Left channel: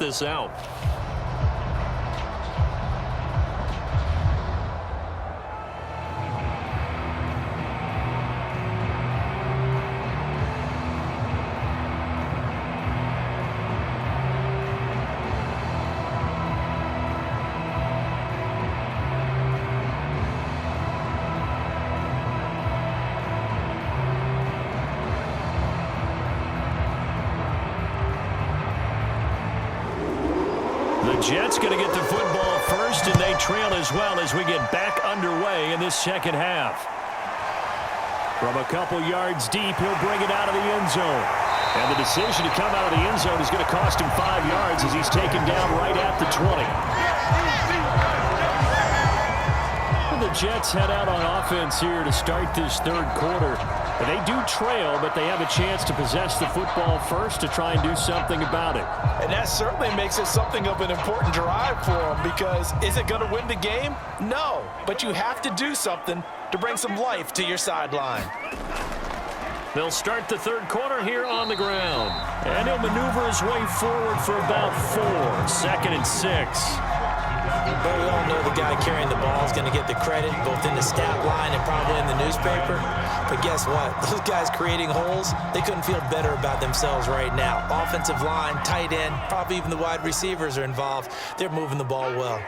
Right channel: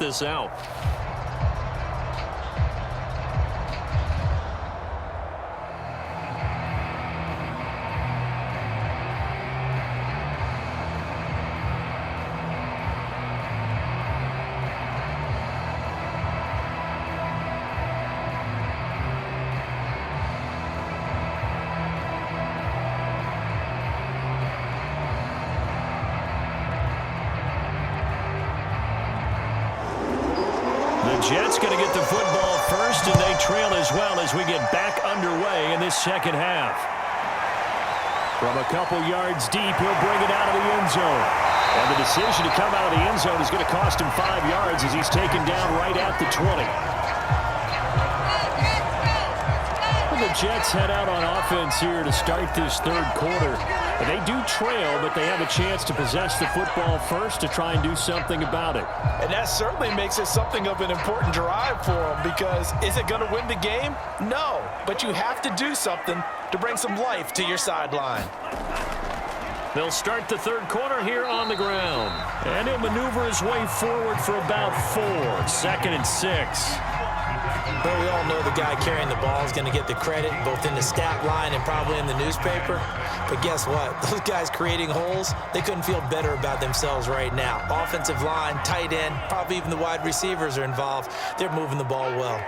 this out. The Jets going to get the football first, and they trail as well as we get back underway in this second half. From a couple yards deep, he'll bring it out of the end zone. And the decision to come out of the end zone is going to cost him 5 yards as he's taken down right at the 20. Well, the Jets head out on offense here to start this third quarter. And they do trail, but they have a chance to possess the football first to try and do something about it. And that certainly makes it something of an important drive for them, because is it going to win the game? No, but you have to do something to bring some life to your sideline. They'll start the third quarter here on the ground. And he'll maneuver his way forward for about 4. 2nd and 6. But we all know the guy carrying the ball is going to get the credit, both in the stat line and probably in the newspaper. But guess what? Those guys creating holes, they couldn't feel better about themselves right now. Offensive line, tight end, probably even the wide receivers are involved. They're moving the ball well.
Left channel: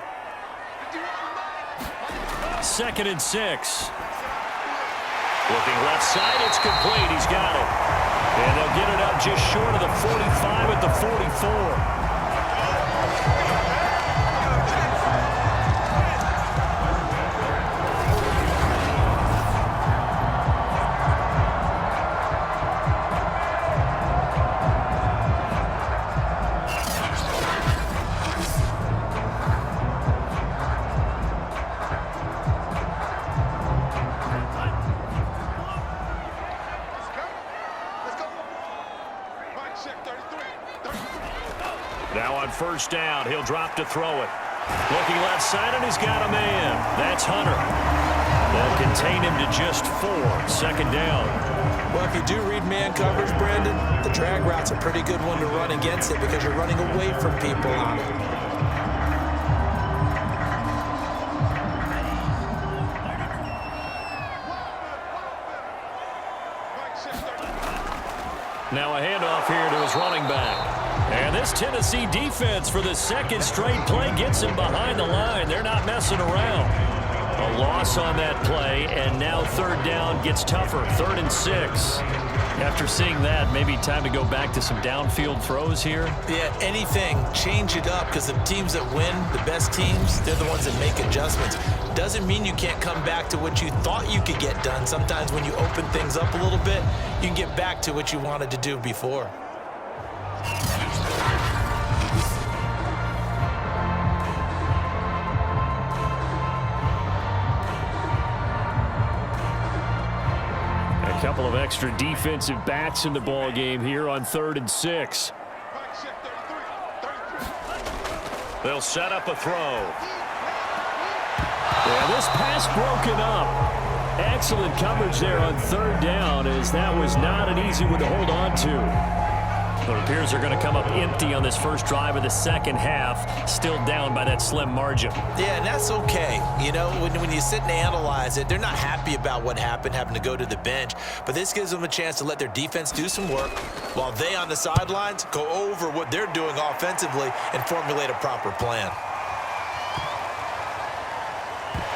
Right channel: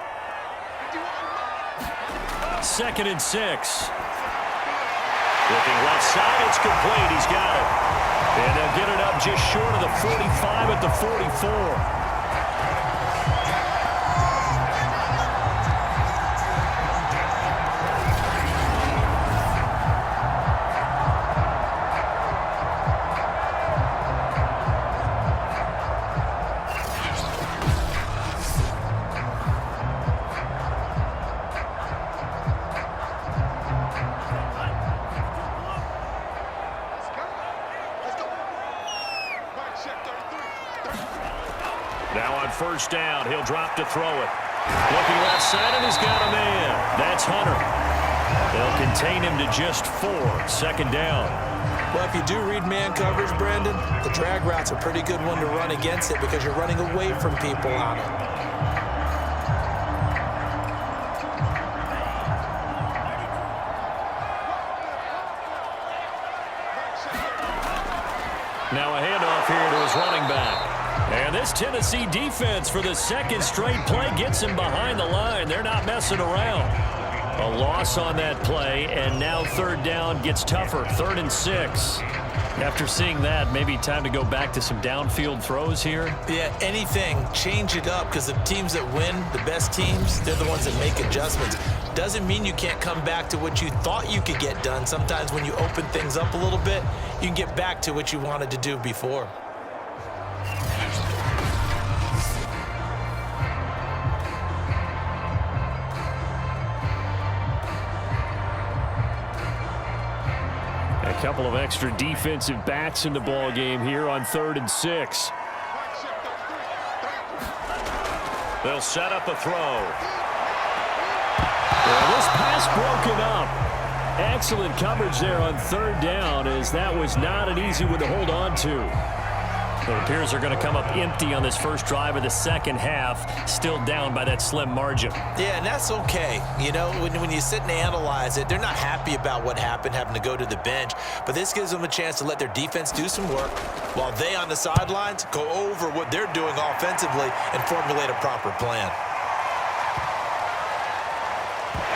2nd and 6. Looking left side, it's complete. He's got it. And they'll get it up just short of the 45 at the 44. Now on first down, he'll drop to throw it. Looking left side, and he's got a man. That's Hunter. They'll contain him to just 4. 2nd down. Well, if you do read man coverage, Brandon, the drag route's a pretty good one to run against it because you're running away from people on it. Now a handoff here to his running back. And this Tennessee defense for the second straight play gets him behind the line. They're not messing around. A loss on that play, and now 3rd down gets tougher. 3rd and 6. After seeing that, maybe time to go back to some downfield throws here. Yeah, anything. Change it up, because the teams that win, the best teams, they're the ones that make adjustments. Doesn't mean you can't come back to what you thought you could get done. Sometimes when you open things up a little bit, you can get back to what you wanted to do before. A couple of extra defensive backs in the ball game here on 3rd and 6. They'll set up a throw. Well, this pass broken up. Excellent coverage there on 3rd down, as that was not an easy one to hold on to. It appears they're going to come up empty on this first drive of the second half, still down by that slim margin. Yeah, and that's okay. You know, when you sit and analyze it, they're not happy about what happened, having to go to the bench. But this gives them a chance to let their defense do some work while they on the sidelines go over what they're doing offensively and formulate a proper plan.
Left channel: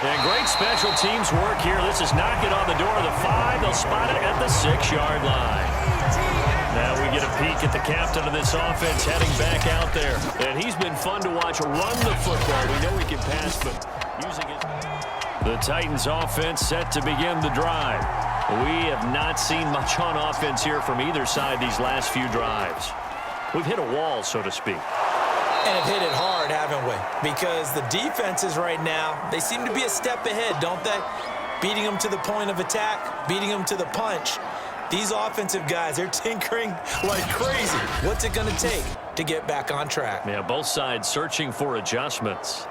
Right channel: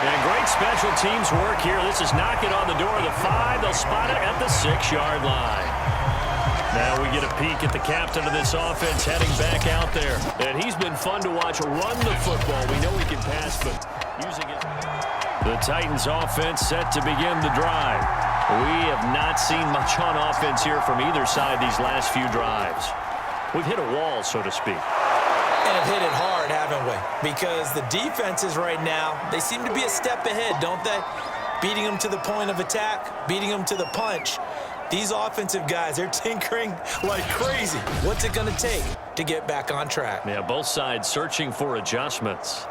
And great special teams work here. This is knocking on the door of the 5. They'll spot it at the 6-yard line. Now we get a peek at the captain of this offense heading back out there. And he's been fun to watch run the football. We know he can pass, but using it. The Titans offense set to begin the drive. We have not seen much on offense here from either side these last few drives. We've hit a wall, so to speak. And have hit it hard, haven't we? Because the defenses right now, they seem to be a step ahead, don't they? Beating them to the point of attack, beating them to the punch. These offensive guys, they're tinkering like crazy. What's it going to take to get back on track? Yeah, both sides searching for adjustments.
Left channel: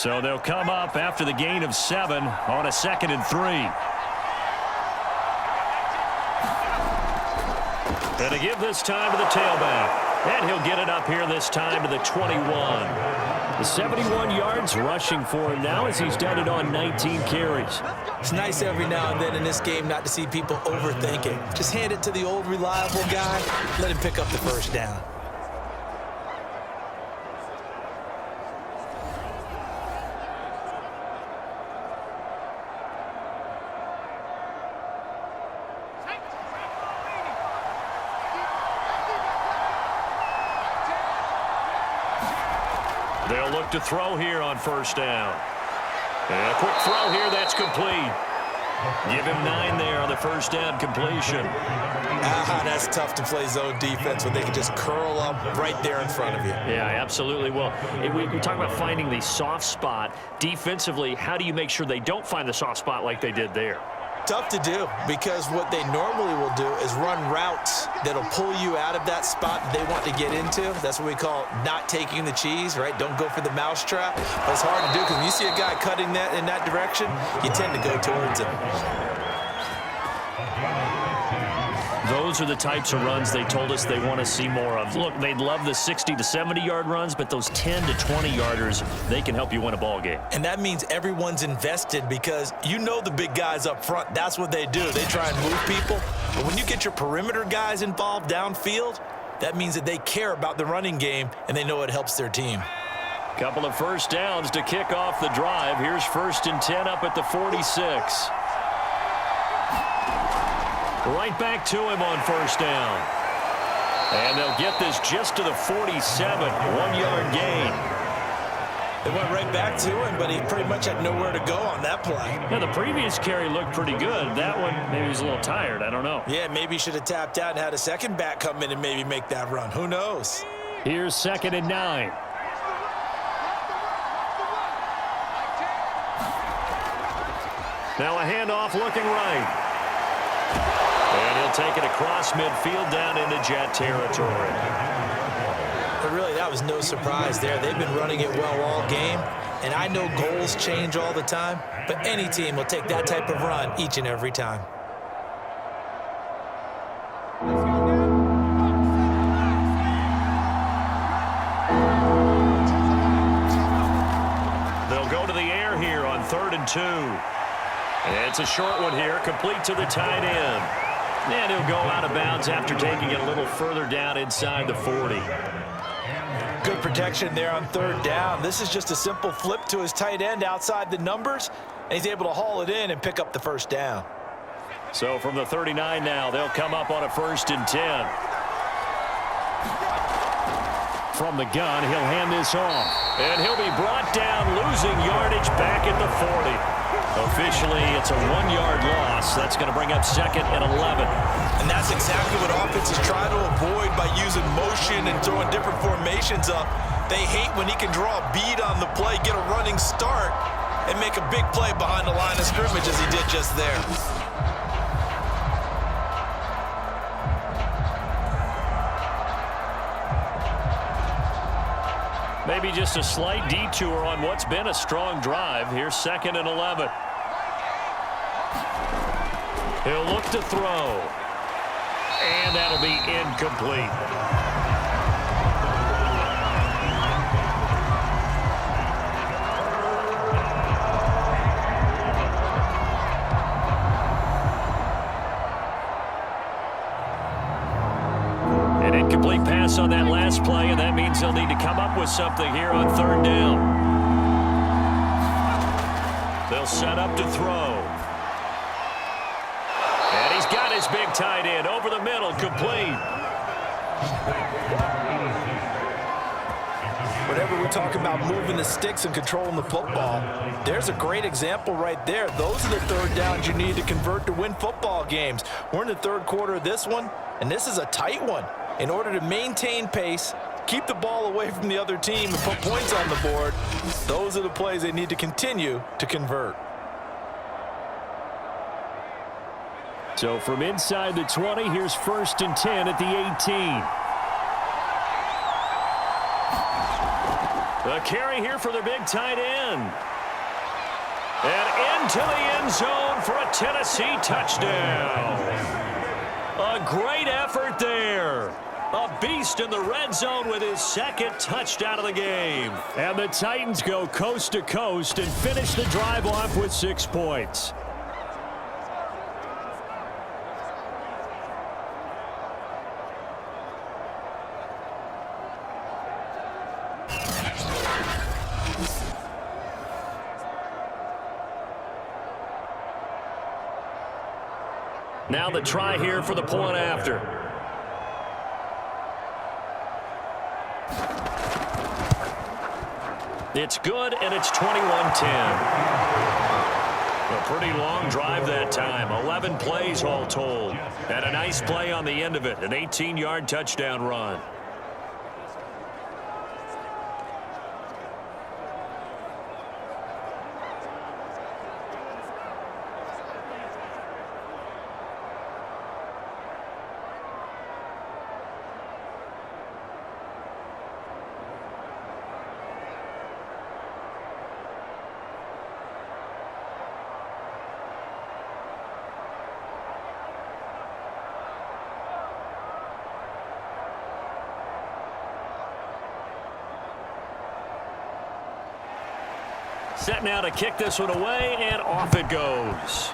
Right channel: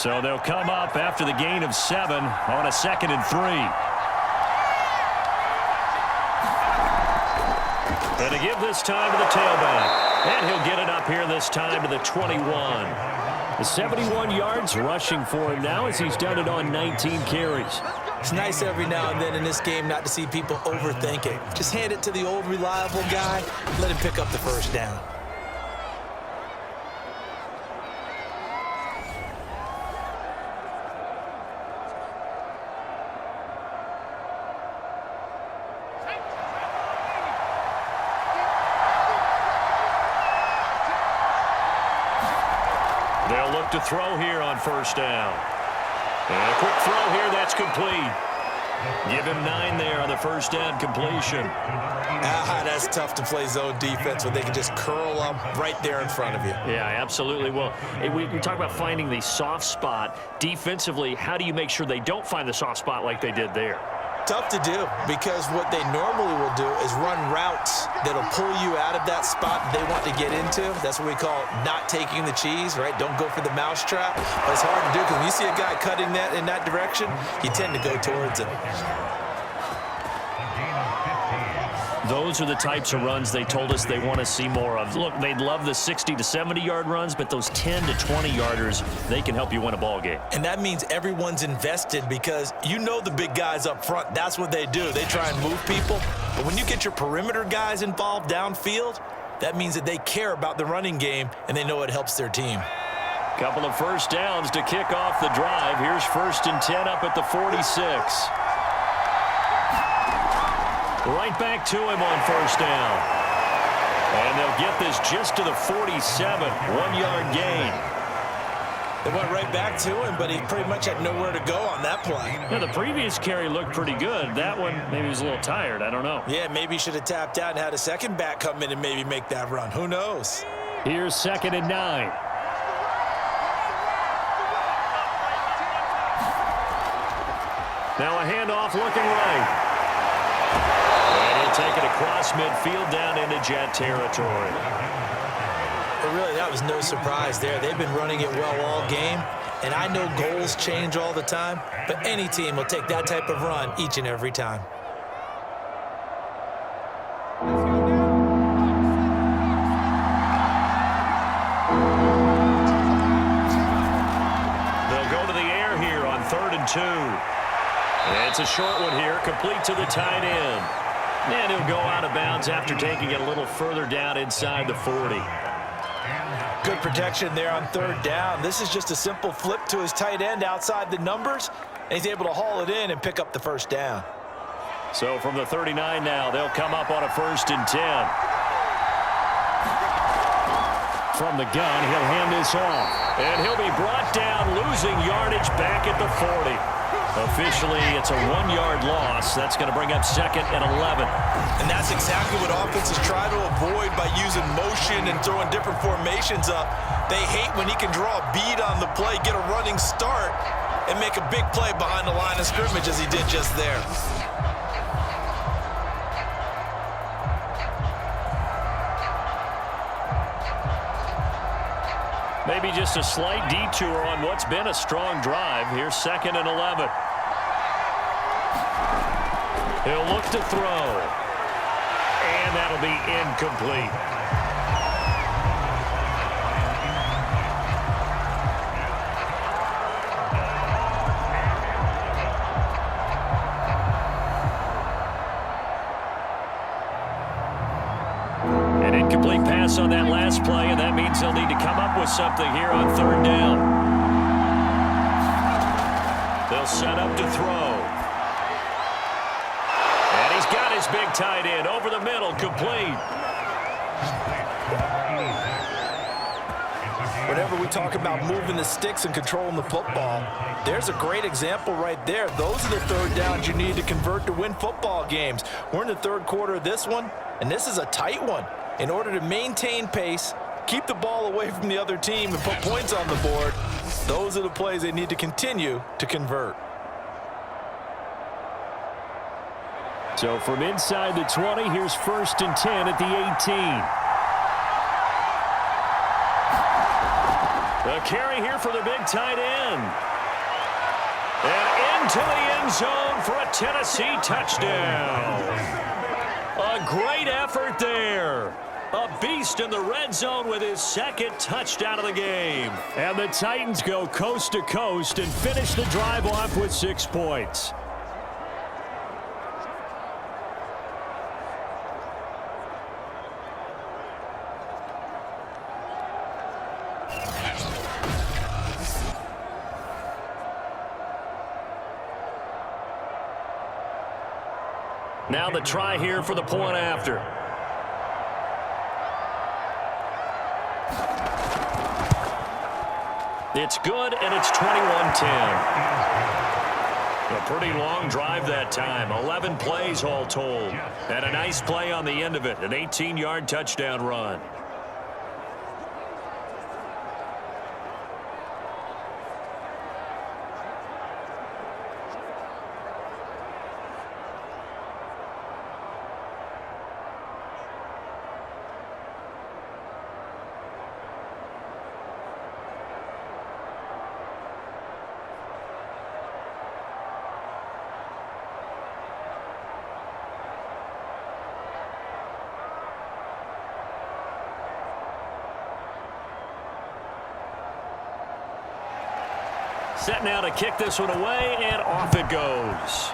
So they'll come up after the gain of 7 on a 2nd and 3. And to give this time to the tailback. And he'll get it up here this time to the 21. The 71 yards rushing for him now as he's done it on 19 carries. It's nice every now and then in this game not to see people overthink it. Just hand it to the old reliable guy. Let him pick up the first down. They'll look to throw here on first down. And a quick throw here, that's complete. Give him 9 there on the first down completion. That's tough to play zone defense when they can just curl up right there in front of you. Yeah, absolutely. Well, we talk about finding the soft spot. Defensively, how do you make sure they don't find the soft spot like they did there? Tough to do, because what they normally will do is run routes that'll pull you out of that spot that they want to get into. That's what we call not taking the cheese, right? Don't go for the mousetrap. But it's hard to do because when you see a guy cutting that in that direction, you tend to go towards him. Those are the types of runs they told us they want to see more of. Look, they'd love the 60 to 70-yard runs, but those 10 to 20-yarders, they can help you win a ball game. And that means everyone's invested because you know the big guys up front, that's what they do. They try and move people. But when you get your perimeter guys involved downfield, that means that they care about the running game and they know it helps their team. Couple of first downs to kick off the drive. Here's 1st and 10 up at the 46. Right back to him on first down. And they'll get this just to the 47, 1-yard gain. They went right back to him, but he pretty much had nowhere to go on that play. Yeah, the previous carry looked pretty good. That one, maybe he was a little tired. I don't know. Yeah, maybe he should have tapped out and had a second back come in and maybe make that run. Who knows? Here's 2nd and 9. Now a handoff looking right. And he'll take it across midfield down into Jet territory. But really, that was no surprise there. They've been running it well all game. And I know goals change all the time, but any team will take that type of run each and every time. They'll go to the air here on 3rd and 2. And it's a short one here, complete to the tight end. And he'll go out of bounds after taking it a little further down inside the 40. Good protection there on 3rd down. This is just a simple flip to his tight end outside the numbers, and he's able to haul it in and pick up the first down. So from the 39 now, they'll come up on a 1st and 10. From the gun, he'll hand this off. And he'll be brought down, losing yardage back at the 40. Officially, it's a 1-yard loss. That's going to bring up 2nd and 11. And that's exactly what offenses try to avoid by using motion and throwing different formations up. They hate when he can draw a bead on the play, get a running start, and make a big play behind the line of scrimmage as he did just there. Maybe just a slight detour on what's been a strong drive. Here's 2nd and 11. He'll look to throw. And that'll be incomplete. An incomplete pass on that last play, and that means they'll need to come up with something here on 3rd down. They'll set up to throw. And he's got his big tight end over the middle, complete. Whenever we talk about moving the sticks and controlling the football, there's a great example right there. Those are the 3rd downs you need to convert to win football games. We're in the 3rd quarter of this one, and this is a tight one. In order to maintain pace, keep the ball away from the other team, and put points on the board, those are the plays they need to continue to convert. So from inside the 20, here's 1st and 10 at the 18. A carry here for their big tight end. And into the end zone for a Tennessee touchdown. A great effort there. A beast in the red zone with his second touchdown of the game. And the Titans go coast to coast and finish the drive off with 6 points. Now the try here for the point after. It's good, and it's 21-10. A pretty long drive that time. 11 plays all told. And a nice play on the end of it. An 18-yard touchdown run. Set now to kick this one away, and off it goes.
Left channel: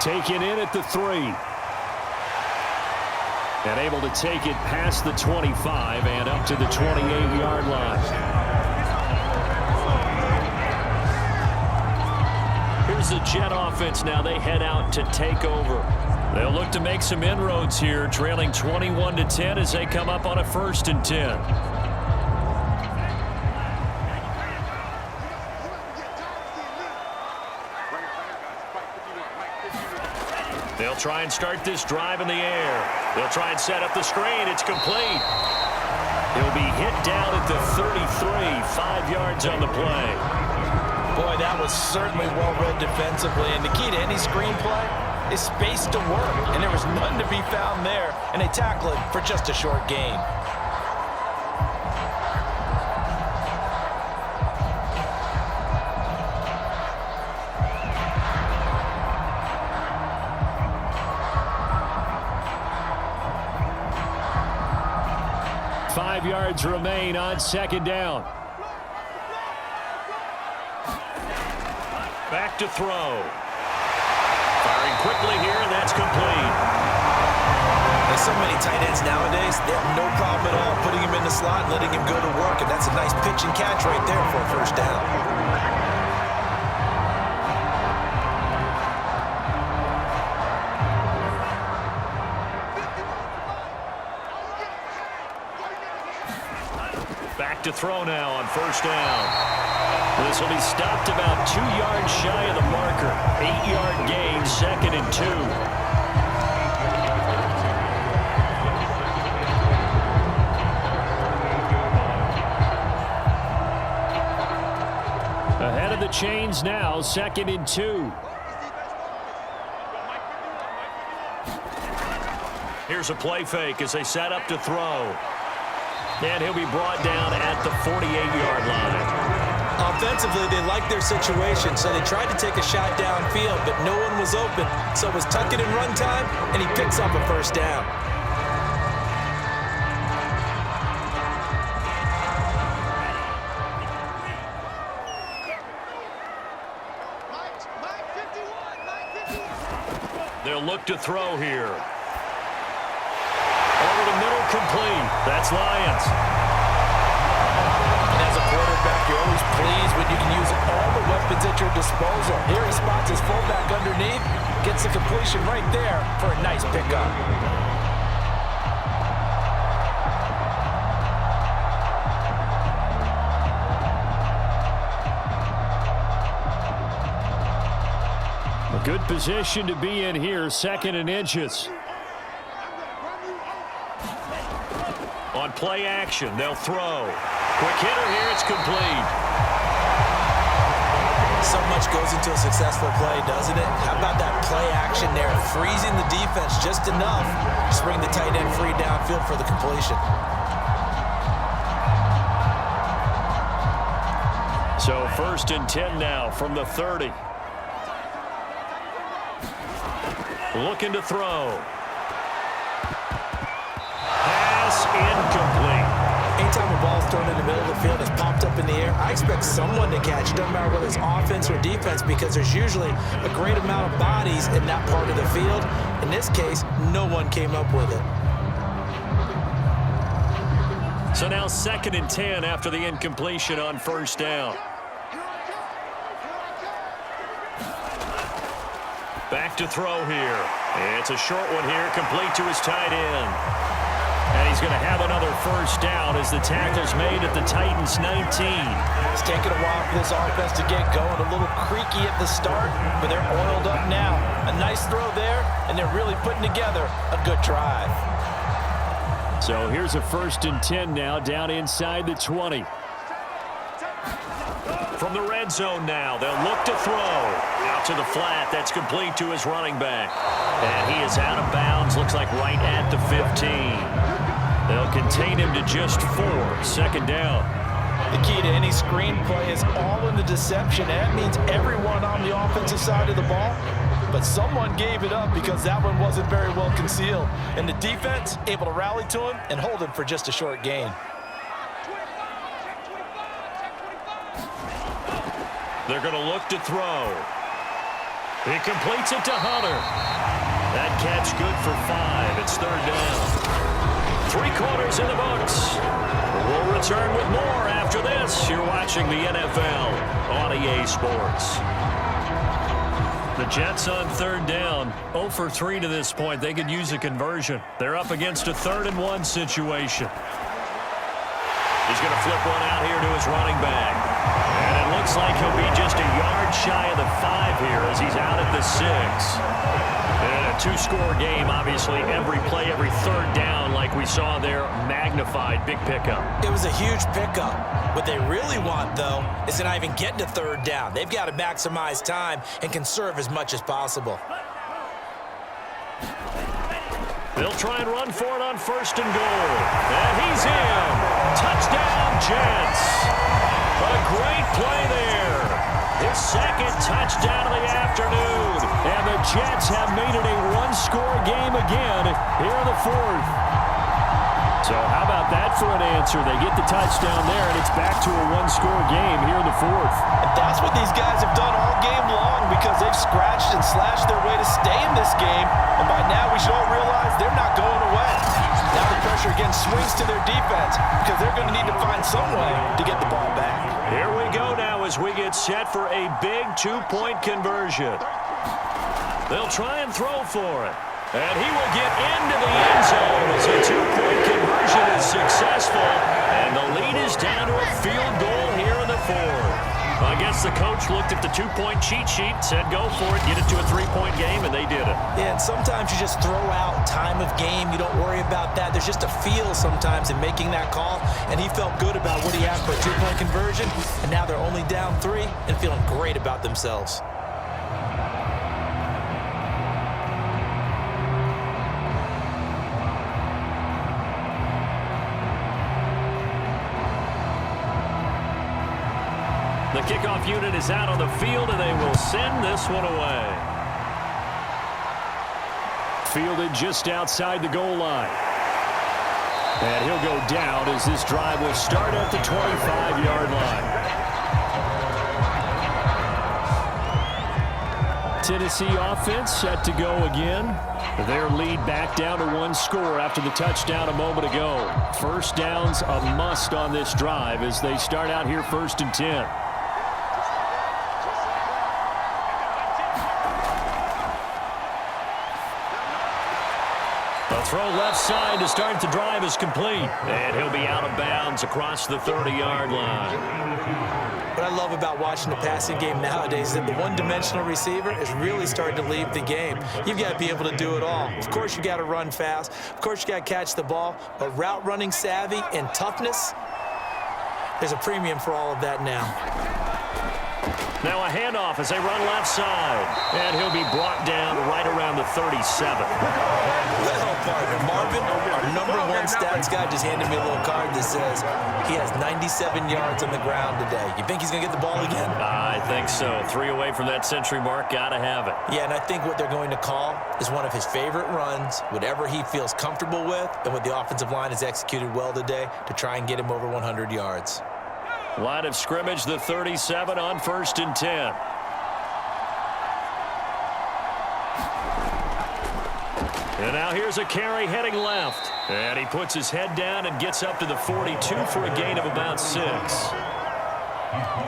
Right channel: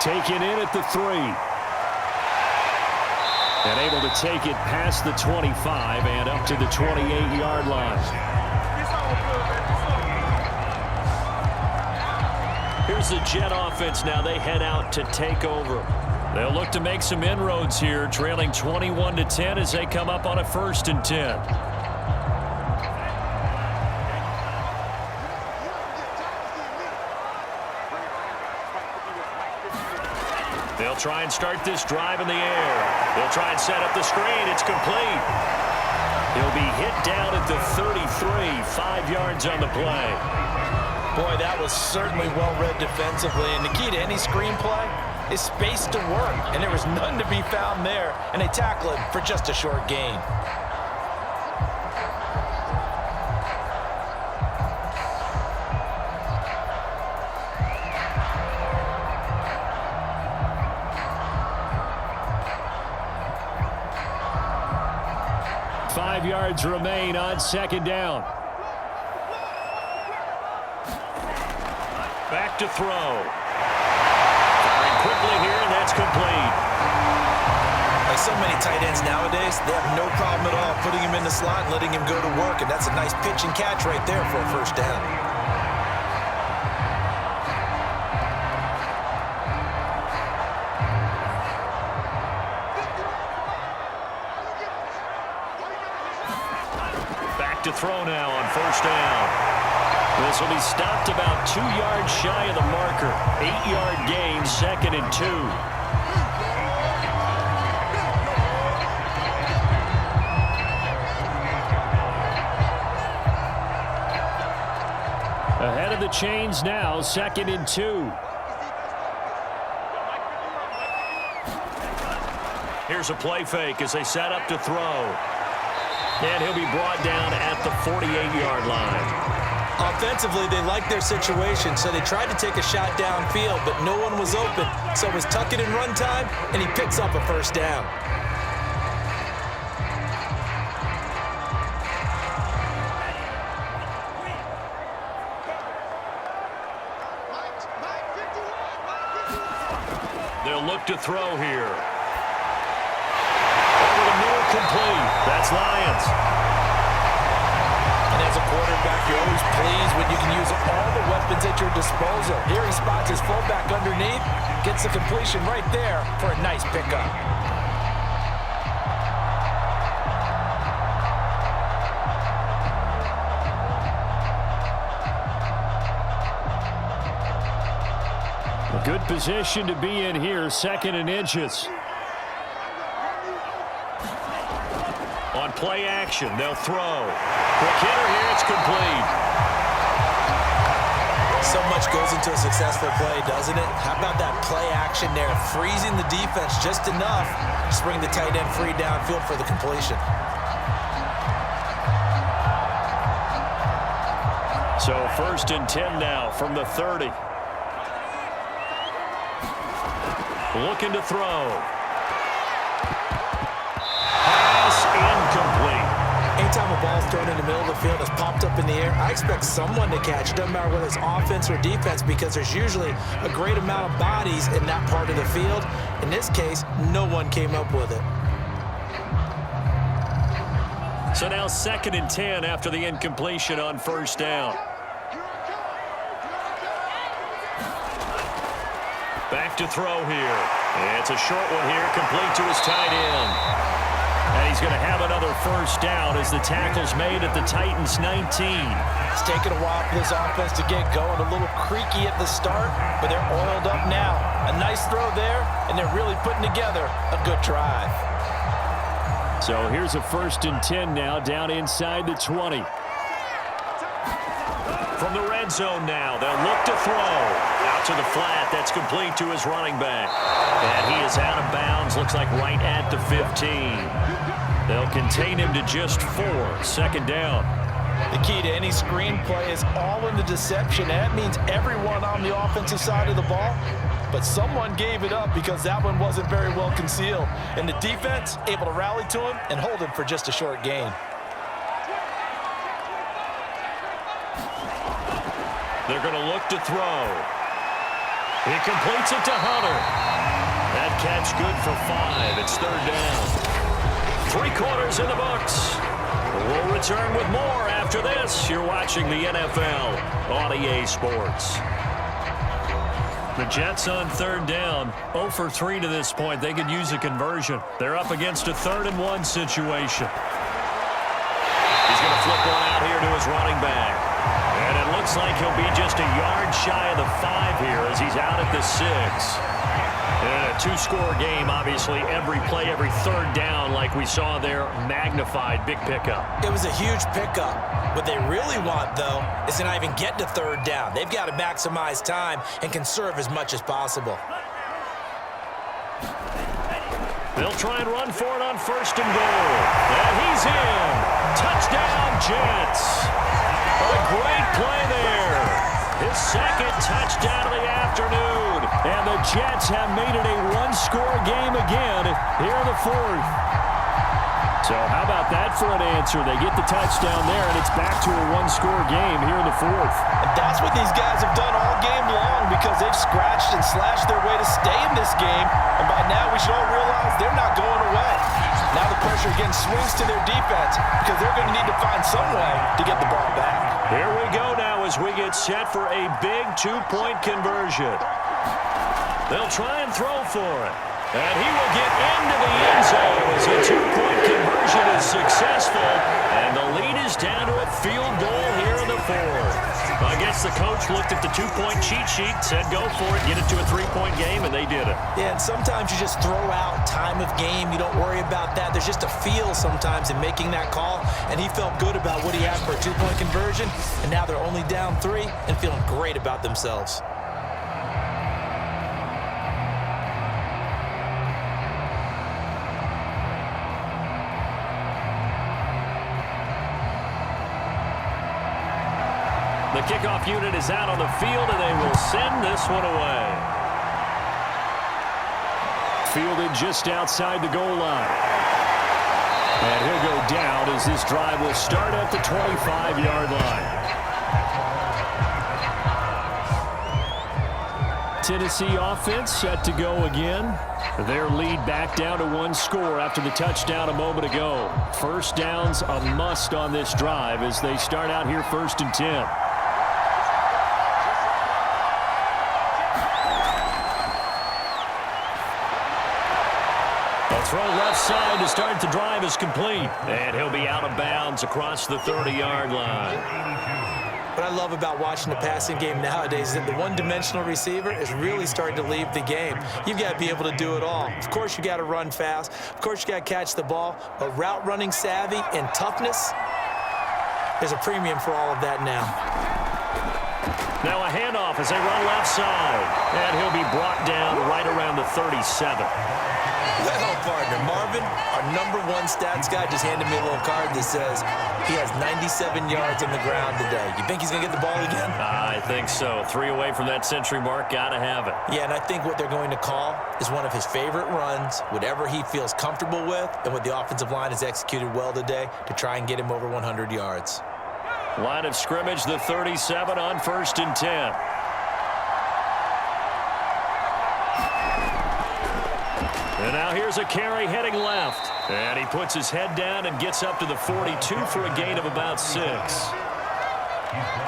Taken in at the 3. And able to take it past the 25 and up to the 28-yard line. Here's the Jet offense now. They head out to take over. They'll look to make some inroads here, trailing 21-10 as they come up on a 1st and 10. They'll try and start this drive in the air. They'll try and set up the screen. It's complete. He'll be hit down at the 33, 5 yards on the play. Boy, that was certainly well-read defensively. And the key to any screenplay is space to work. And there was none to be found there. And they tackle him for just a short gain. Five yards remain on 2nd down. Back to throw. Firing quickly here, and that's complete. Like so many tight ends nowadays, they have no problem at all putting him in the slot and letting him go to work, and that's a nice pitch and catch right there for a 1st down. To throw now on 1st down. This will be stopped about 2 yards shy of the marker. 8-yard gain, 2nd and 2. Ahead of the chains now, 2nd and 2. Here's a play fake as they set up to throw. And he'll be brought down at the 48-yard line. Offensively, they liked their situation, so they tried to take a shot downfield, but no one was open. So it was tuck it and run time, and he picks up a 1st down. They'll look to throw here. Over the middle, complete. That's Lions. And as a quarterback, you're always pleased when you can use all the weapons at your disposal. Here he spots his fullback underneath, gets the completion right there for a nice pickup. A good position to be in here, 2nd and inches. On play action, they'll throw. Quick hitter here, it's complete. So much goes into a successful play, doesn't it? How about that play action there, freezing the defense just enough to bring the tight end free downfield for the completion. So 1st and 10 now from the 30. Looking to throw. Pass incomplete. Anytime a ball's thrown in the middle of the field and it's popped up in the air, I expect someone to catch it. Doesn't matter whether it's offense or defense, because there's usually a great amount of bodies in that part of the field. In this case, no one came up with it. So now 2nd and 10 after the incompletion on 1st down. Back to throw here. It's a short one here, complete to his tight end. And he's going to have another 1st down as the tackle's made at the Titans' 19. It's taken a while for this offense to get going. A little creaky at the start, but they're oiled up now. A nice throw there, and they're really putting together a good drive. So here's a 1st and 10 now, down inside the 20. From the red zone now, they'll look to throw. Out to the flat, that's complete to his running back. And he is out of bounds, looks like right at the 15. They'll contain him to just 4, 2nd down. The key to any screenplay is all in the deception, and that means everyone on the offensive side of the ball. But someone gave it up because that one wasn't very well concealed. And the defense able to rally to him and hold him for just a short gain. They're going to look to throw. He completes it to Hunter. That catch good for 5. It's 3rd down. 3 quarters in the books. We'll return with more after this. You're watching the NFL on EA Sports. The Jets on 3rd down. 0 for 3 to this point. They could use a conversion. They're up against a 3rd and 1 situation. He's going to flip one out here to his running back. And it looks like he'll be just a yard shy of the 5 here as he's out at the 6. And a 2-score game, obviously, every play, every 3rd down, like we saw there, magnified, big pickup. It was a huge pickup. What they really want, though, is to not even get to 3rd down. They've got to maximize time and conserve as much as possible. They'll try and run for it on 1st and goal. And he's in. Touchdown, Jets. A great play there. His 2nd touchdown of the afternoon. And the Jets have made it a 1-score game again here in the 4th. So how about that for an answer? They get the touchdown there, and it's back to a 1-score game here in the 4th. And that's what these guys have done all game long because they've scratched and slashed their way to stay in this game. And by now, we should all realize they're not going away. Now the pressure again swings to their defense because they're going to need to find some way to get the ball back. Here we go now as we get set for a big 2-point conversion. They'll try and throw for it. And he will get into the end zone as a 2-point conversion is successful. And the lead is down to a field goal here in the 4th. I guess the coach looked at the 2-point cheat sheet, said go for it, get it to a 3-point game, and they did it. Yeah, and sometimes you just throw out time of game. You don't worry about that. There's just a feel sometimes in making that call, and he felt good about what he had for a 2-point conversion, and now they're only down 3 and feeling great about themselves. The kickoff unit is out on the field, and they will send this one away. Fielded just outside the goal line. And he'll go down as this drive will start at the 25-yard line. Tennessee offense set to go again. Their lead back down to 1 score after the touchdown a moment ago. 1st down's a must on this drive as they start out here 1st and 10. A throw left side to start the drive is complete. And he'll be out of bounds across the 30-yard line. What I love about watching the passing game nowadays is that the one-dimensional receiver is really starting to leave the game. You've got to be able to do it all. Of course, you got to run fast. Of course, you got to catch the ball. But route running savvy and toughness, there's a premium for all of that now. Now a handoff as they run left side. And he'll be brought down right around the 37. Well, partner, Marvin, our #1 stats guy, just handed me a little card that says he has 97 yards on the ground today. You think he's going to get the ball again? I think so. 3 away from that century mark. Got to have it. Yeah, and I think what they're going to call is one of his favorite runs, whatever he feels comfortable with, and what the offensive line has executed well today to try and get him over 100 yards. Line of scrimmage, the 37 on 1st and 10. And now here's a carry heading left. And he puts his head down and gets up to the 42 for a gain of about 6.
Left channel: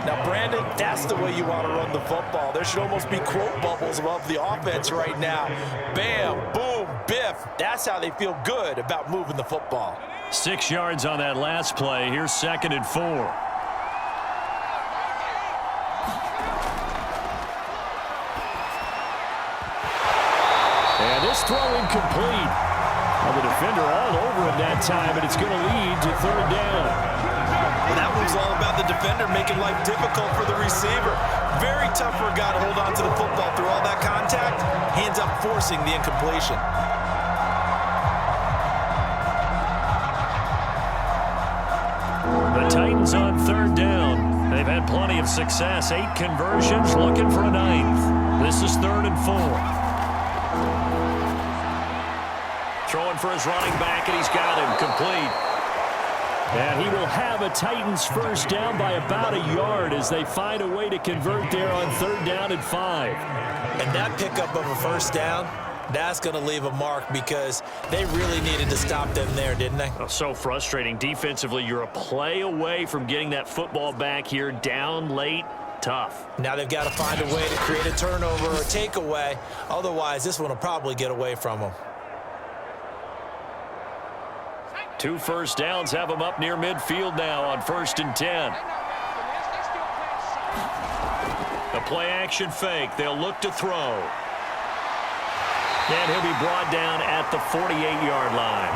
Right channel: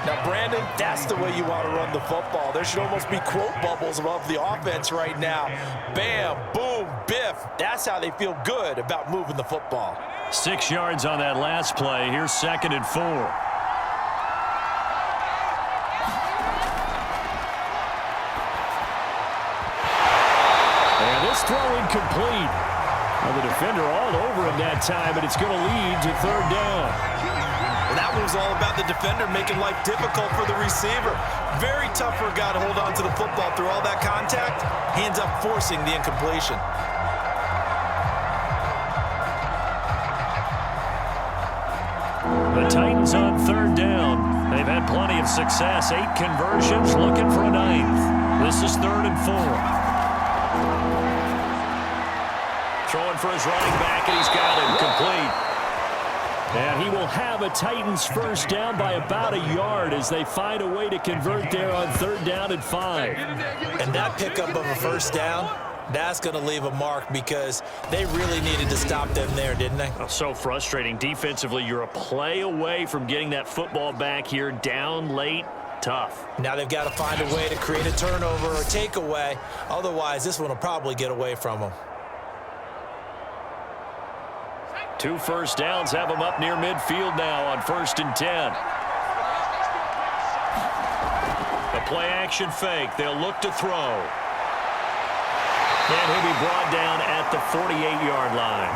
Now, Brandon, that's the way you want to run the football. There should almost be quote bubbles above the offense right now. Bam, boom, biff. That's how they feel good about moving the football. 6 yards on that last play. Here's 2nd and 4. And this throw incomplete. Well, the defender all over him that time, but it's going to lead to 3rd down. Well, that was all about the defender making life difficult for the receiver. Very tough for a guy to hold on to the football through all that contact. He ends up forcing the incompletion. The Titans on 3rd down. They've had plenty of success. 8 conversions, looking for a 9th. This is 3rd and 4. Throwing for his running back, and he's got him complete. And he will have a Titans 1st down by about a yard as they find a way to convert there on 3rd down and 5. And that pickup of a 1st down, that's going to leave a mark because they really needed to stop them there, didn't they? Oh, so frustrating. Defensively, you're a play away from getting that football back here down late. Tough. Now they've got to find a way to create a turnover or takeaway. Otherwise, this one will probably get away from them. 2 first downs have them up near midfield now on 1st and 10. A play-action fake. They'll look to throw. And he'll be brought down at the 48-yard line.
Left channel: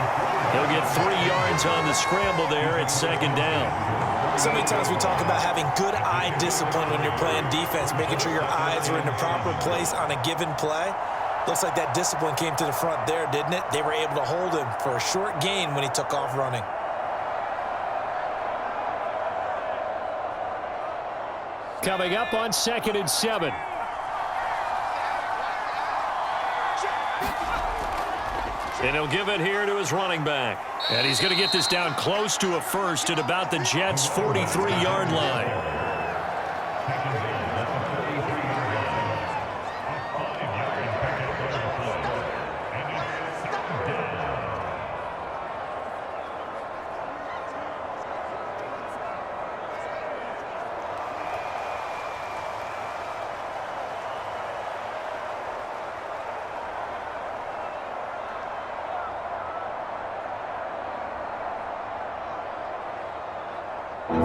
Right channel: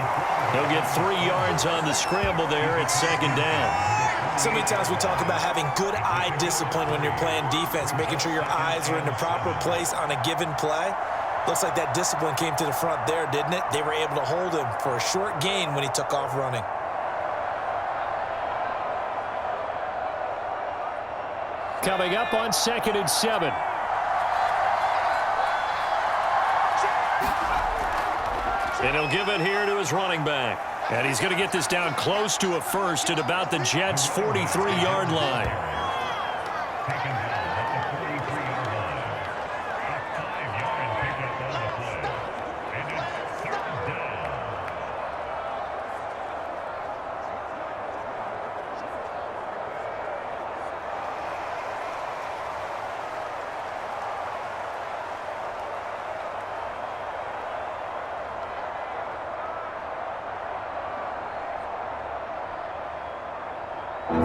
He'll get 3 yards on the scramble there at 2nd down. So many times we talk about having good eye discipline when you're playing defense, making sure your eyes are in the proper place on a given play. Looks like that discipline came to the front there, didn't it? They were able to hold him for a short gain when he took off running. Coming up on 2nd and 7. And he'll give it here to his running back. And he's going to get this down close to a 1st at about the Jets' 43-yard line.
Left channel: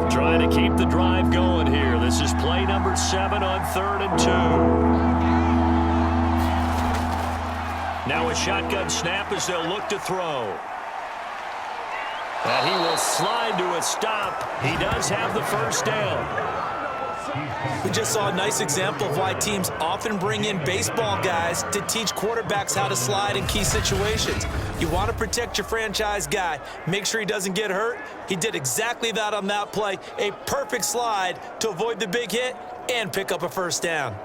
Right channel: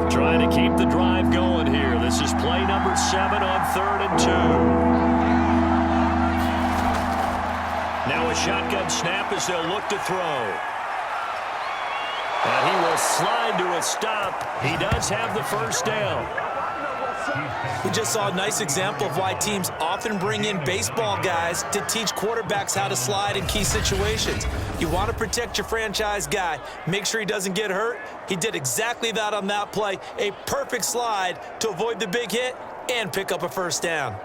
Trying to keep the drive going here. This is play number 7 on 3rd and 2. Now a shotgun snap as they'll look to throw. And he will slide to a stop. He does have the 1st down. We just saw a nice example of why teams often bring in baseball guys to teach quarterbacks how to slide in key situations. You want to protect your franchise guy. Make sure he doesn't get hurt. He did exactly that on that play. A perfect slide to avoid the big hit and pick up a 1st down.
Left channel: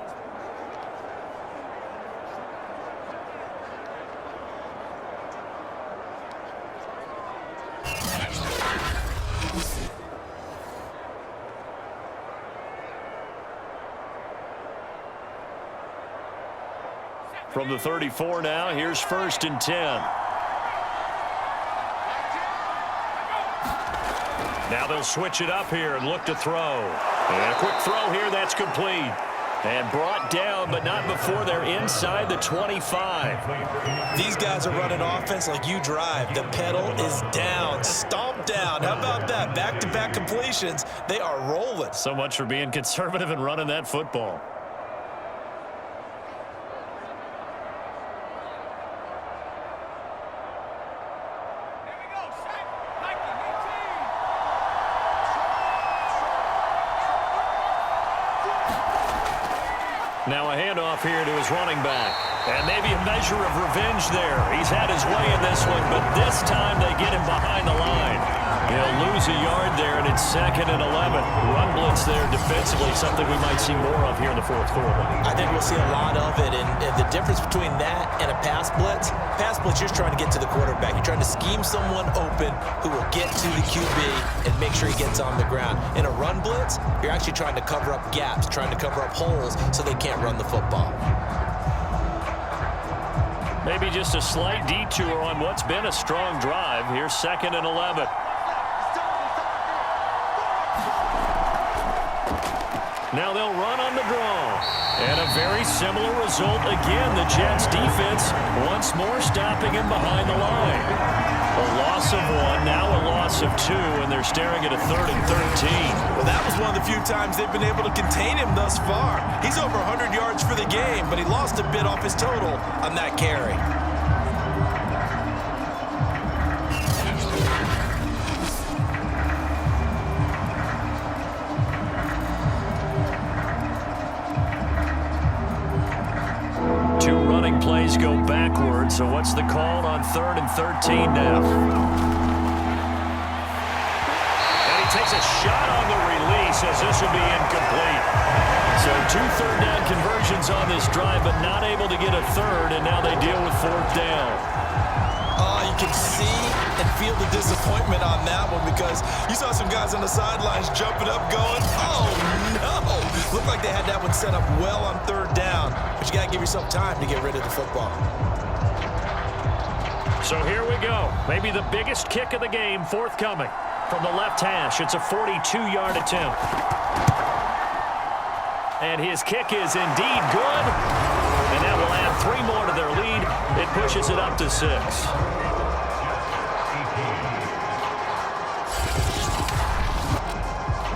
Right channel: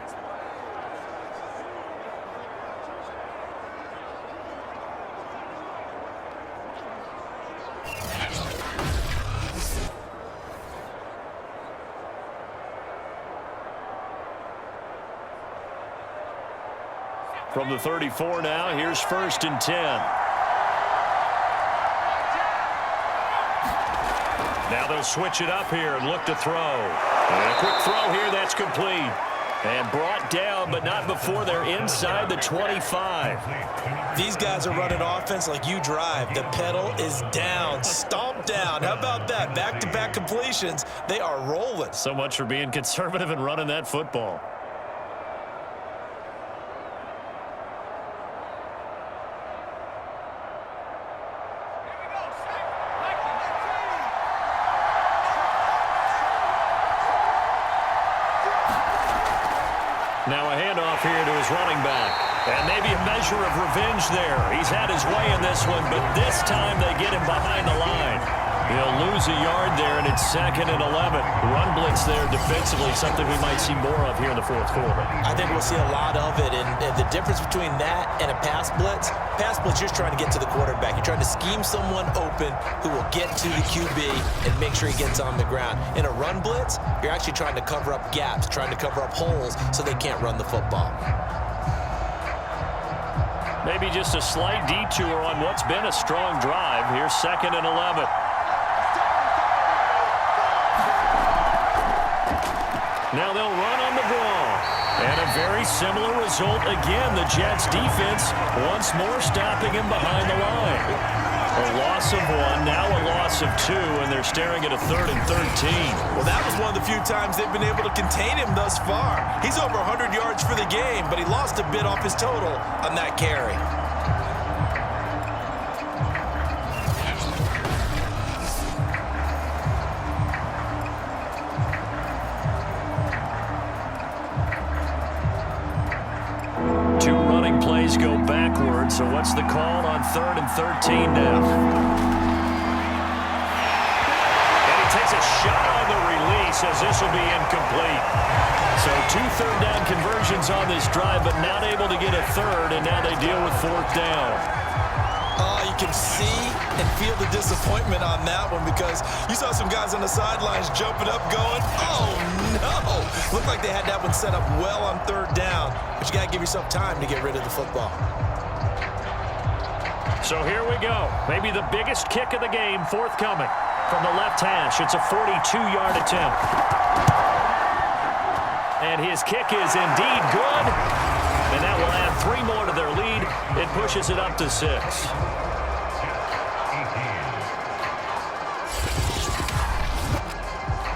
From the 34 now, here's 1st and 10. Now they'll switch it up here and look to throw. And a quick throw here, that's complete. And brought down, but not before they're inside the 25. These guys are running offense like you drive. The pedal is down, stomped down. How about that? Back-to-back completions. They are rolling. So much for being conservative and running that football. Now a handoff here to his running back. And maybe a measure of revenge there. He's had his way in this one, but this time they get him behind the line. He'll lose a yard there, and it's 2nd and 11. Run blitz there defensively, something we might see more of here in the fourth quarter. I think we'll see a lot of it, and the difference between that and a pass blitz, you're trying to get to the quarterback. You're trying to scheme someone open who will get to the QB and make sure he gets on the ground. In a run blitz, you're actually trying to cover up gaps, trying to cover up holes so they can't run the football. Maybe just a slight detour on what's been a strong drive. Here's 2nd and 11. Now they'll run on the draw. And a very similar result again. The Jets defense once more stopping him behind the line. A loss of 1, now a loss of 2, and they're staring at a 3rd and 13. Well, that was one of the few times they've been able to contain him thus far. He's over 100 yards for the game, but he lost a bit off his total on that carry. Plays go backwards, so what's the call on 3rd and 13 now? And he takes a shot on the release as this will be incomplete. So 2 third-down conversions on this drive, but not able to get a third, and now they deal with 4th down. You can see and feel the disappointment on that one because you saw some guys on the sidelines jumping up going, oh, no. Looked like they had that one set up well on 3rd down, but you got to give yourself time to get rid of the football. So here we go. Maybe the biggest kick of the game forthcoming. From the left hash, it's a 42-yard attempt. And his kick is indeed good. And that will add 3 more to their lead. It pushes it up to 6.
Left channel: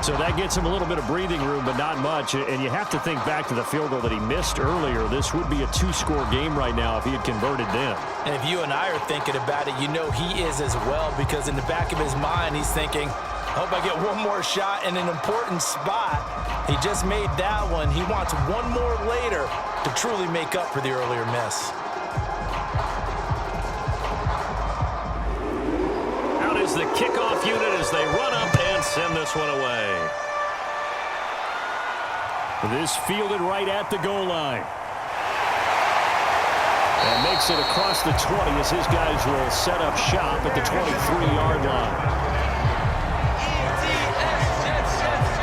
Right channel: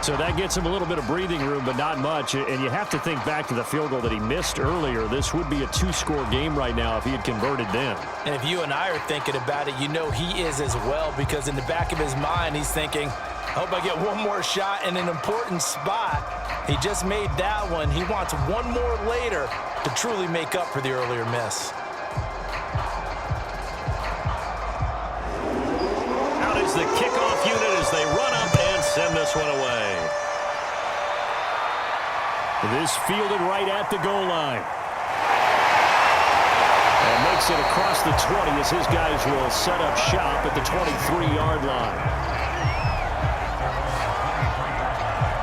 So that gets him a little bit of breathing room, but not much. And you have to think back to the field goal that he missed earlier. This would be a 2-score game right now if he had converted then. And if you and I are thinking about it, you know he is as well, because in the back of his mind, he's thinking, I hope I get one more shot in an important spot. He just made that one. He wants one more later to truly make up for the earlier miss. Out is the kickoff unit as they run up and send this one away. This fielded right at the goal line. And makes it across the 20 as his guys will set up shop at the 23-yard line.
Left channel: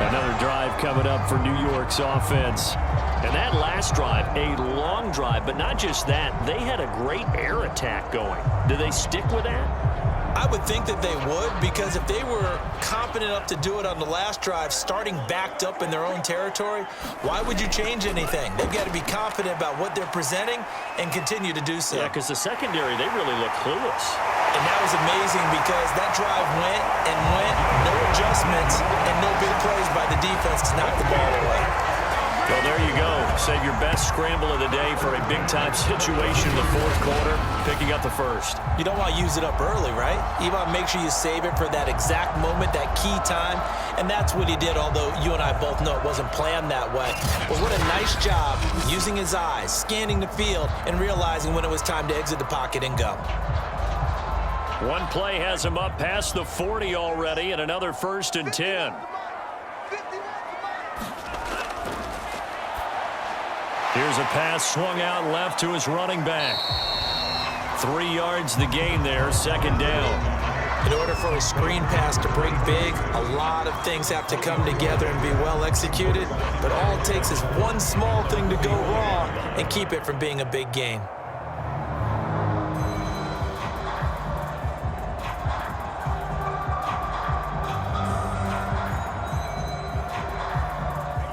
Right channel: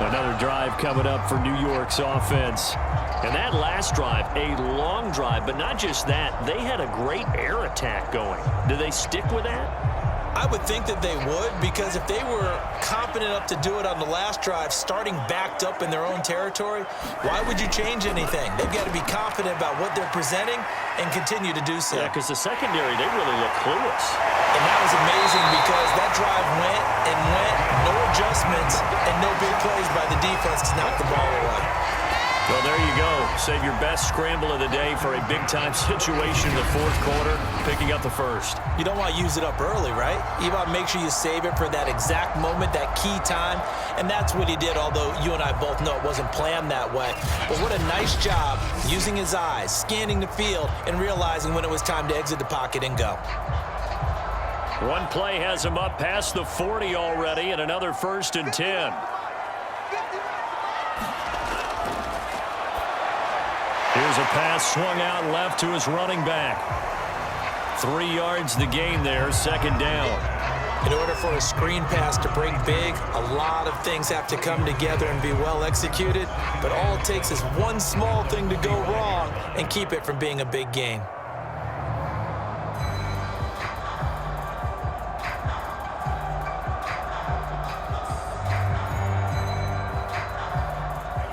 Another drive coming up for New York's offense. And that last drive, a long drive, but not just that. They had a great air attack going. Do they stick with that? I would think that they would, because if they were confident enough to do it on the last drive, starting backed up in their own territory, why would you change anything? They've got to be confident about what they're presenting and continue to do so. Yeah, because the secondary, they really look clueless. And that was amazing because that drive went and went, no adjustments, and no big plays by the defense to knock the ball away. Well, there you go. Save your best scramble of the day for a big-time situation in the 4th quarter, picking up the 1st. You don't want to use it up early, right? You want to make sure you save it for that exact moment, that key time, and that's what he did, although you and I both know it wasn't planned that way. But what a nice job using his eyes, scanning the field, and realizing when it was time to exit the pocket and go. One play has him up past the 40 already, and another 1st and 10. Here's a pass swung out left to his running back. 3 yards the gain there, 2nd down. In order for a screen pass to break big, a lot of things have to come together and be well executed, but all it takes is one small thing to go wrong and keep it from being a big gain.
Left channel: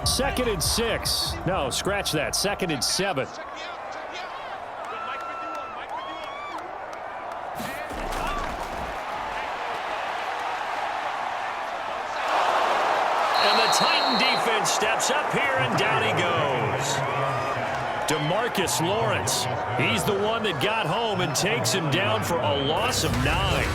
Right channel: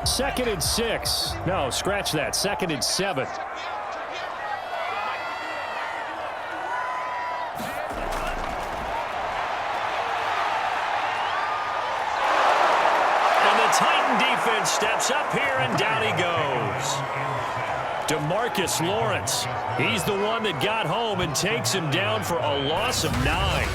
Second and 6. No, scratch that. 2nd and 7. And the Titan defense steps up here, and down he goes. DeMarcus Lawrence. He's the one that got home and takes him down for a loss of 9.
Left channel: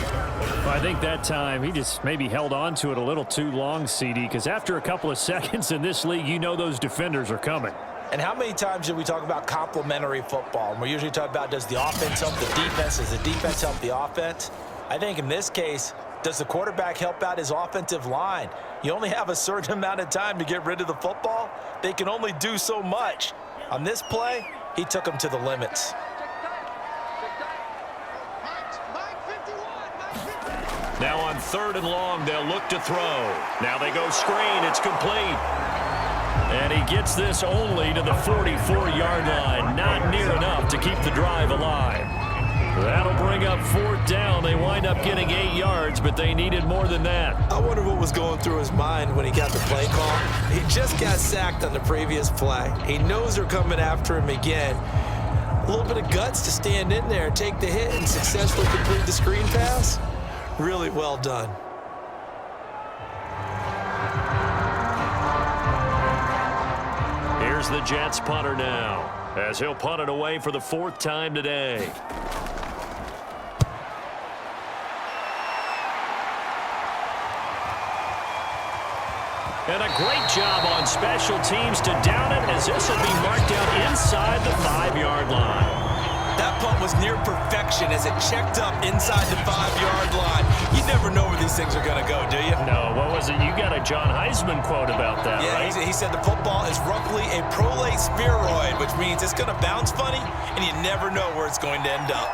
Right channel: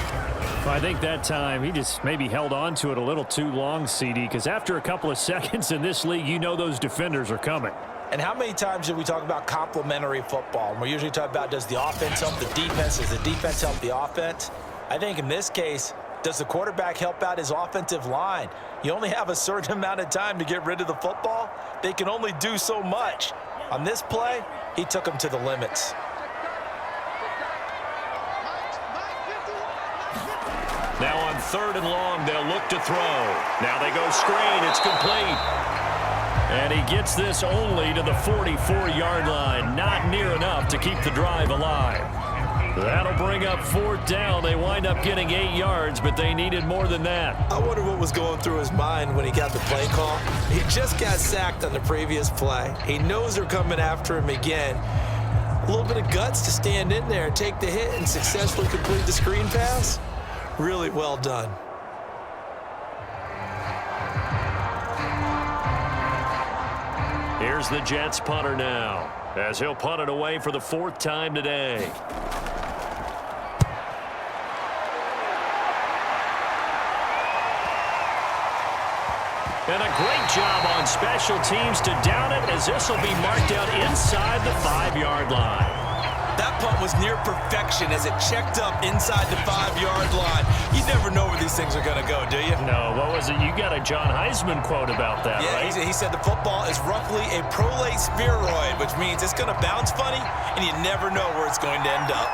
I think that time he just maybe held on to it a little too long, CD, because after a couple of seconds in this league, you know those defenders are coming. And how many times do we talk about complementary football? And we're usually talking about, does the offense help the defense? Does the defense help the offense? I think in this case, does the quarterback help out his offensive line? You only have a certain amount of time to get rid of the football. They can only do so much. On this play, he took them to the limits. Now on 3rd and long, they'll look to throw. Now they go screen. It's complete. And he gets this only to the 44-yard line. Not near enough to keep the drive alive. That'll bring up 4th down. They wind up getting 8 yards, but they needed more than that. I wonder what was going through his mind when he got the play call. He just got sacked on the previous play. He knows they're coming after him again. A little bit of guts to stand in there, take the hit, and successfully complete the screen pass. Really well done. Here's the Jets punter now, as he'll punt it away for the 4th time today. And a great job on special teams to down it, as this will be marked out inside the 5-yard line. That punt was near perfection as it checked up inside the 5-yard line. You never know where these things are going to go, do you? No, what was it? You got a John Heisman quote about that, yeah, right? He said the football is roughly a prolate spheroid, which means it's going to bounce funny, and you never know where it's going to end up.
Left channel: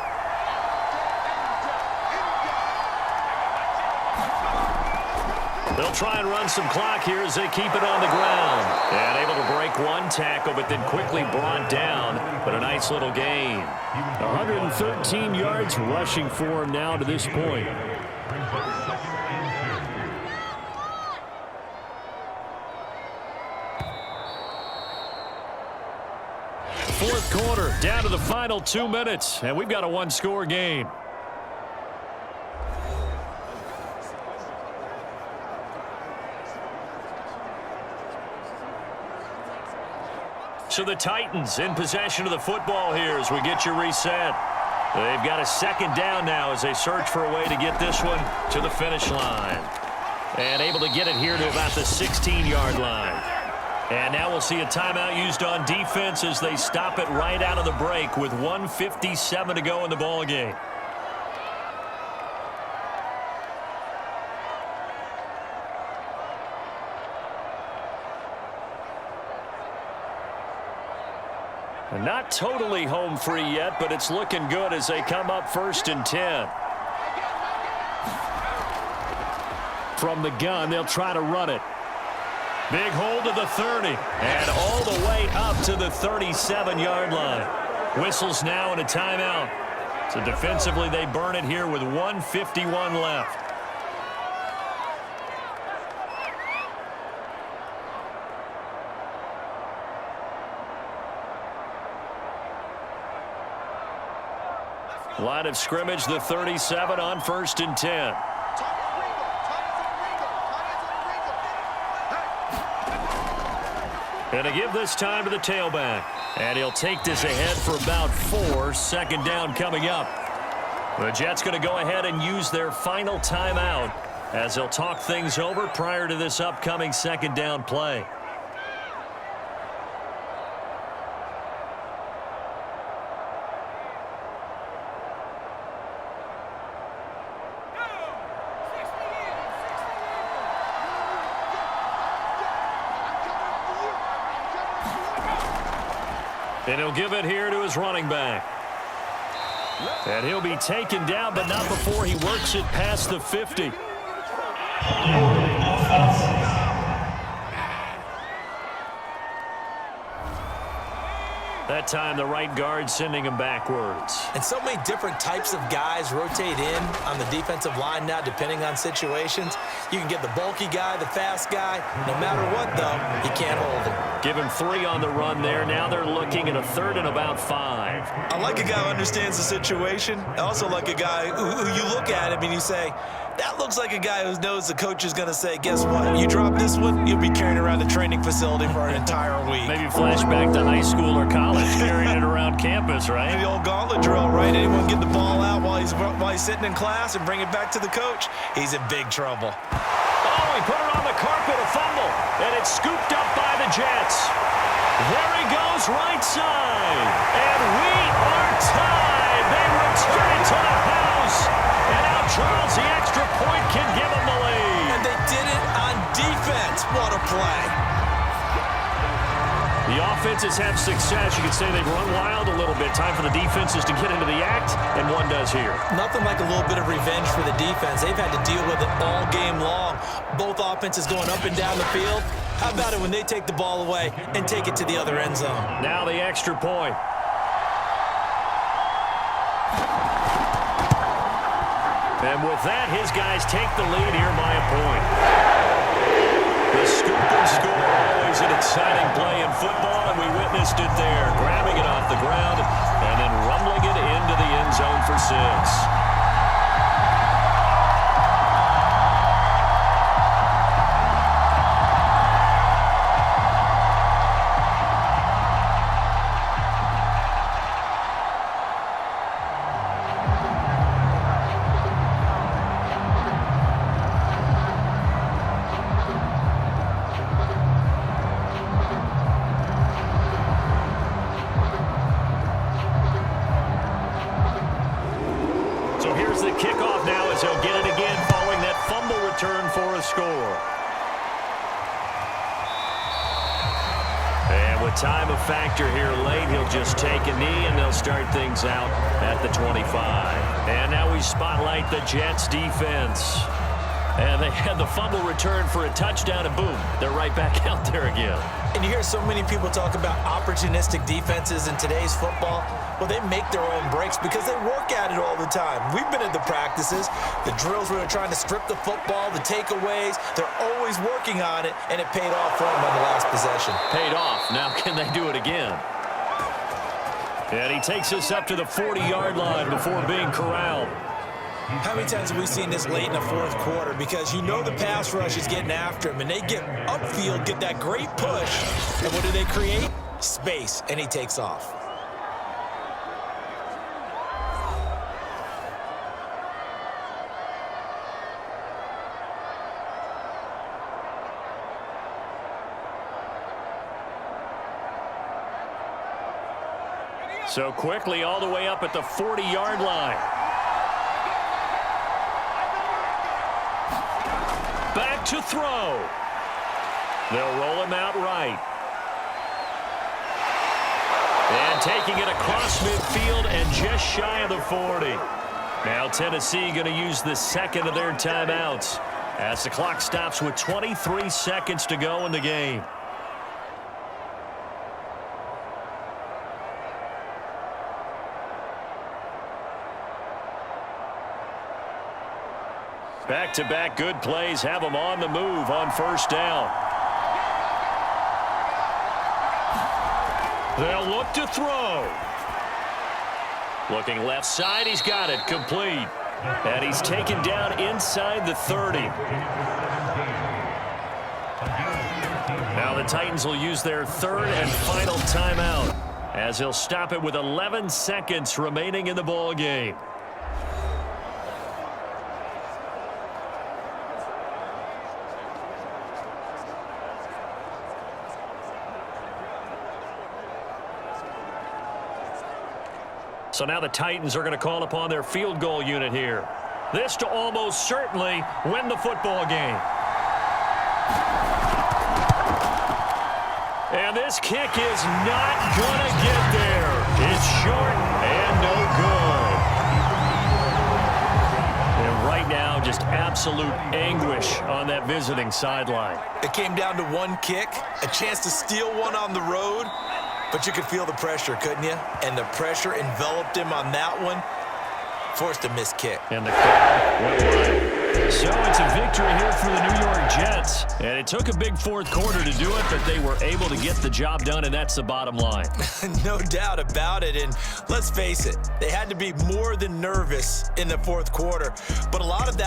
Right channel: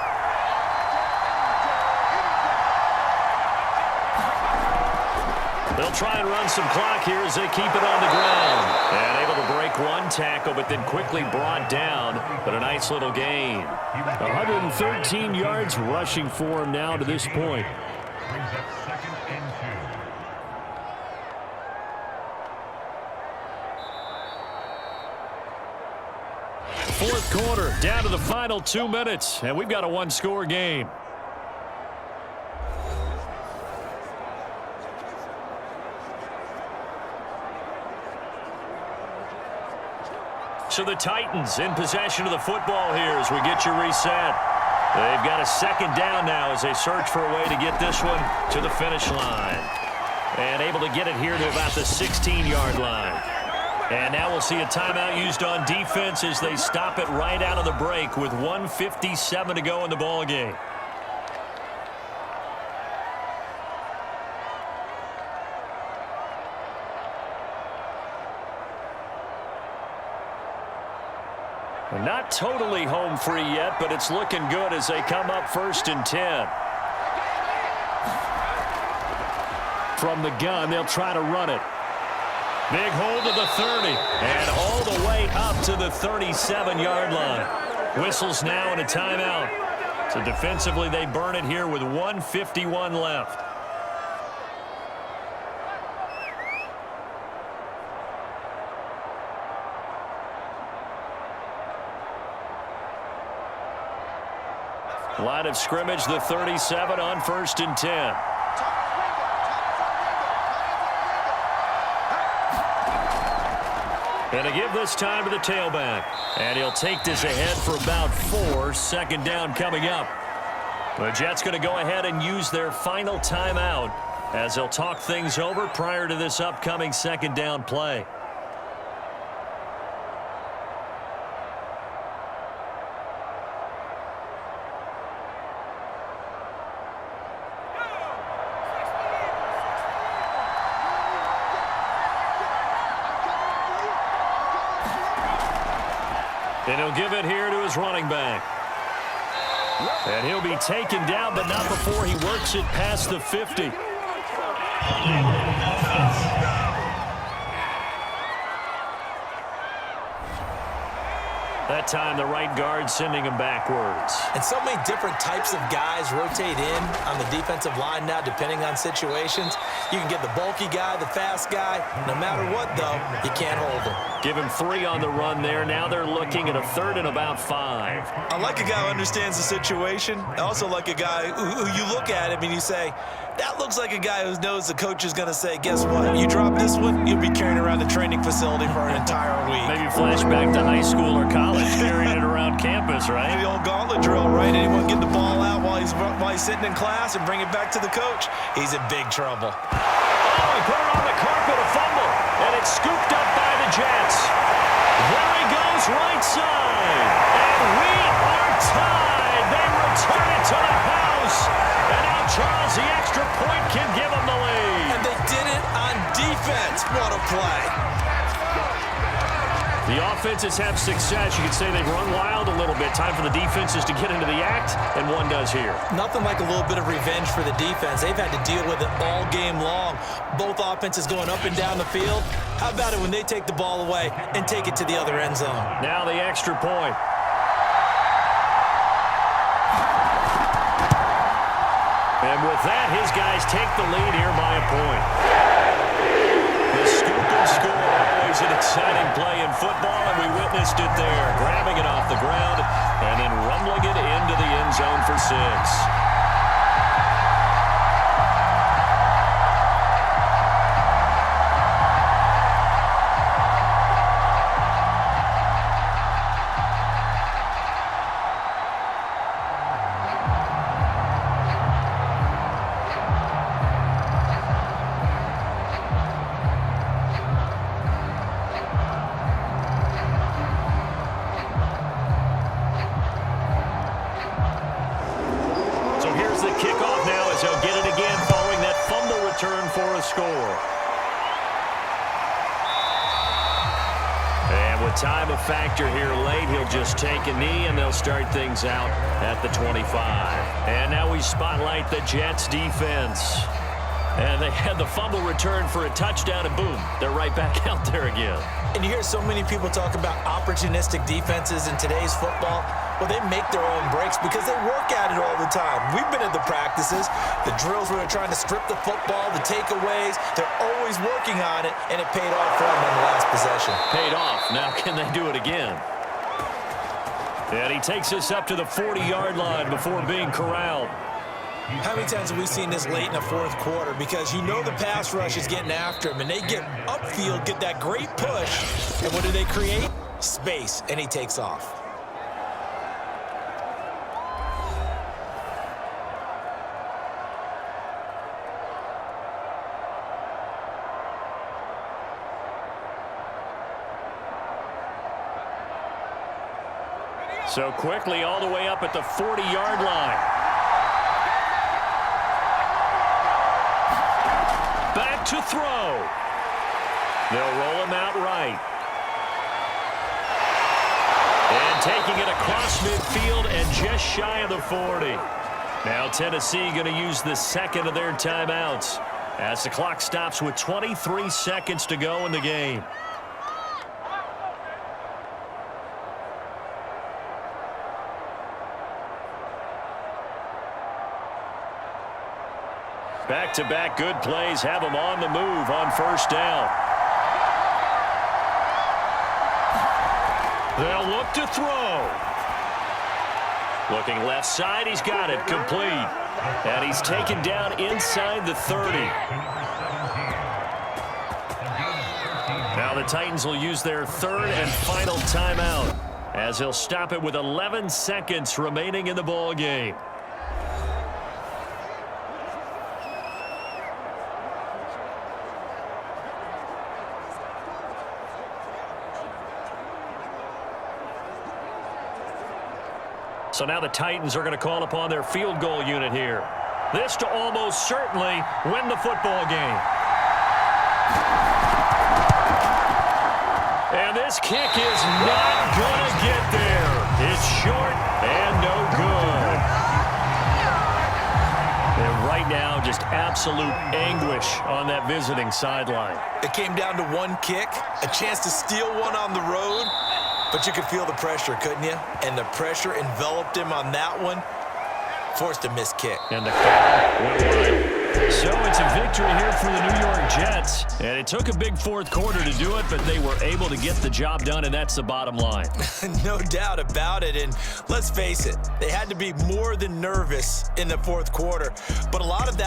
They'll try and run some clock here as they keep it on the ground. And able to break one tackle, but then quickly brought down. But a nice little gain. 113 yards rushing for him now to this point. Brings up 2nd and 2. 4th quarter, down to the final 2 minutes. And we've got a one-score game. So the Titans in possession of the football here as we get you reset. They've got a 2nd down now as they search for a way to get this one to the finish line. And able to get it here to about the 16-yard line. And now we'll see a timeout used on defense as they stop it right out of the break with 1:57 to go in the ballgame. And not totally home free yet, but it's looking good as they come up 1st and 10. From the gun, they'll try to run it. Big hold to the 30, and all the way up to the 37-yard line. Whistles now and a timeout. So defensively, they burn it here with 1:51 left. Line of scrimmage, the 37 on 1st and 10. And to give this time to the tailback. And he'll take this ahead for about 4. 2nd down coming up. The Jets going to go ahead and use their final timeout as they'll talk things over prior to this upcoming 2nd down play. And he'll give it here to his running back. And he'll be taken down, but not before he works it past the 50. That time, the right guard sending him backwards. And so many different types of guys rotate in on the defensive line now, depending on situations. You can get the bulky guy, the fast guy. No matter what, though, you can't hold him. Give him 3 on the run there. Now they're looking at a 3rd and about 5. I like a guy who understands the situation. I also like a guy who you look at him and you say, that looks like a guy who knows the coach is going to say, guess what? You drop this one, you'll be carrying around the training facility for an entire week. Maybe flash back to high school or college, carrying it around campus, right? The old gauntlet drill, right? Anyone get the ball out while he's sitting in class and bring it back to the coach? He's in big trouble. Oh, he put it on the carpet, a fumble, and it's scooped up by the Jets. There he goes, right side. And we are tied. They return it to the house. And now Charles, the extra point, can give them the lead. And they did it on defense. What a play. The offenses have success. You could say they've run wild a little bit. Time for the defenses to get into the act, and one does here. Nothing like a little bit of revenge for the defense. They've had to deal with it all game long. Both offenses going up and down the field. How about it when they take the ball away and take it to the other end zone? Now the extra point. And with that, his guys take the lead here by a point. The scoop and score, always an exciting play in football, and we witnessed it there. Grabbing it off the ground and then rumbling it into the end zone for 6. So here's the kickoff now as he'll get it again following that fumble return for a score. And with time a factor here late, he'll just take a knee and they'll start things out at the 25. And now we spotlight the Jets defense. And they had the fumble return for a touchdown, and boom, they're right back out there again. And you hear so many people talk about opportunistic defenses in today's football. Well, they make their own breaks because they work at it all the time. We've been at the practices, the drills where they're trying to strip the football, the takeaways. They're always working on it, and it paid off for them on the last possession. Paid off. Now can they do it again? And he takes us up to the 40-yard line before being corralled. How many times have we seen this late in the fourth quarter? Because you know the pass rush is getting after him, and they get upfield, get that great push. And what do they create? Space, and he takes off. So quickly all the way up at the 40-yard line. Back to throw. They'll roll him out right. And taking it across midfield and just shy of the 40. Now Tennessee going to use the second of their timeouts as the clock stops with 23 seconds to go in the game. Back-to-back good plays have them on the move on first down. They'll look to throw. Looking left side, he's got it, complete. And he's taken down inside the 30. Now the Titans will use their third and final timeout as he'll stop it with 11 seconds remaining in the ball game. So now the Titans are going to call upon their field goal unit here. This to almost certainly win the football game. And this kick is not going to get there. It's short and no good. And right now, just absolute anguish on that visiting sideline. It came down to one kick, a chance to steal one on the road. But you could feel the pressure, couldn't you? And the pressure enveloped him on that one. Forced a missed kick. And the crowd went wild. So it's a victory here for the New York Jets. And it took a big fourth quarter to do it, but they were able to get the job done, and that's the bottom line. No doubt about it. And let's face it, they had to be more than nervous in the fourth quarter. But a lot of that